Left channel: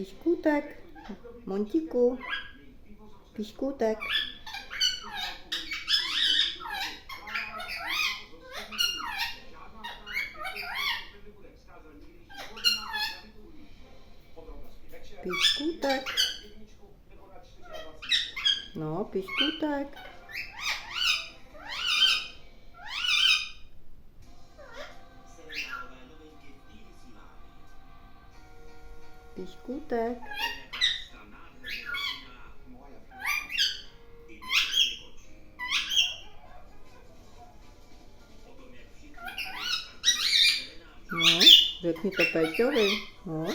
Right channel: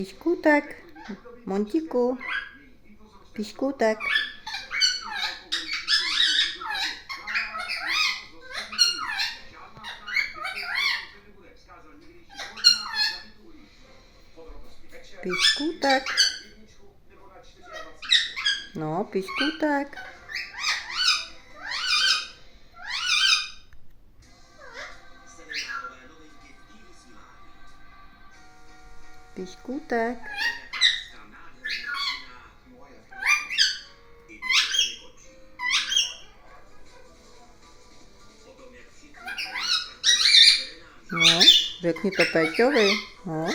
Píškutek, Montíku, Píškutek. Píškutek. No, Píškutek. Píškutek. No, řekni to Péťovi. No.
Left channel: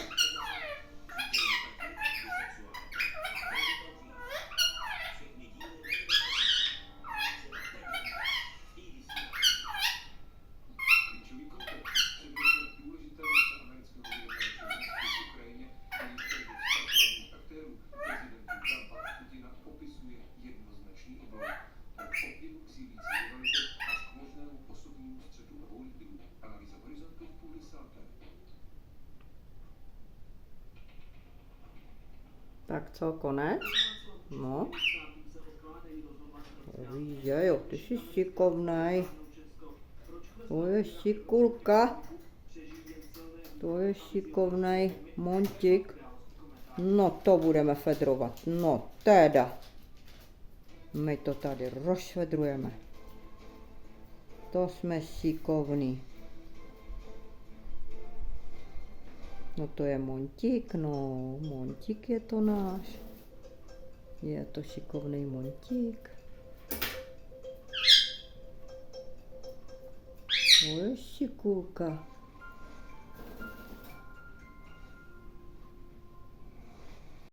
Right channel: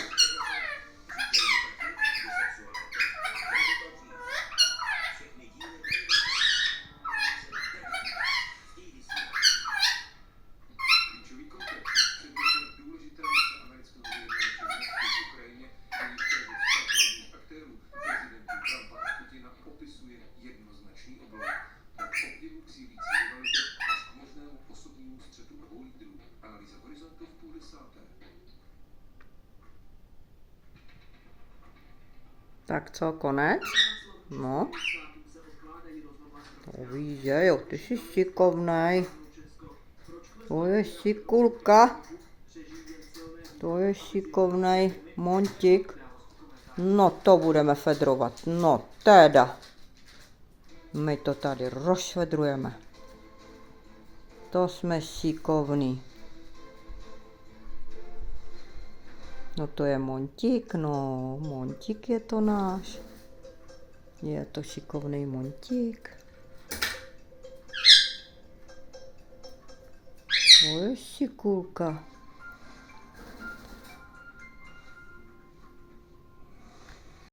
Tak co, konec? No. To víš, že jo, ty jsi šikovnej. To je šikulka. To je šikovnej Montík. No to budeme fedrovat. No teda. My to tady rozfedrujeme. To jsme šikovní. No to je Montík, no. Montík je to náš. Je to šikovný Montík. To je šikulka.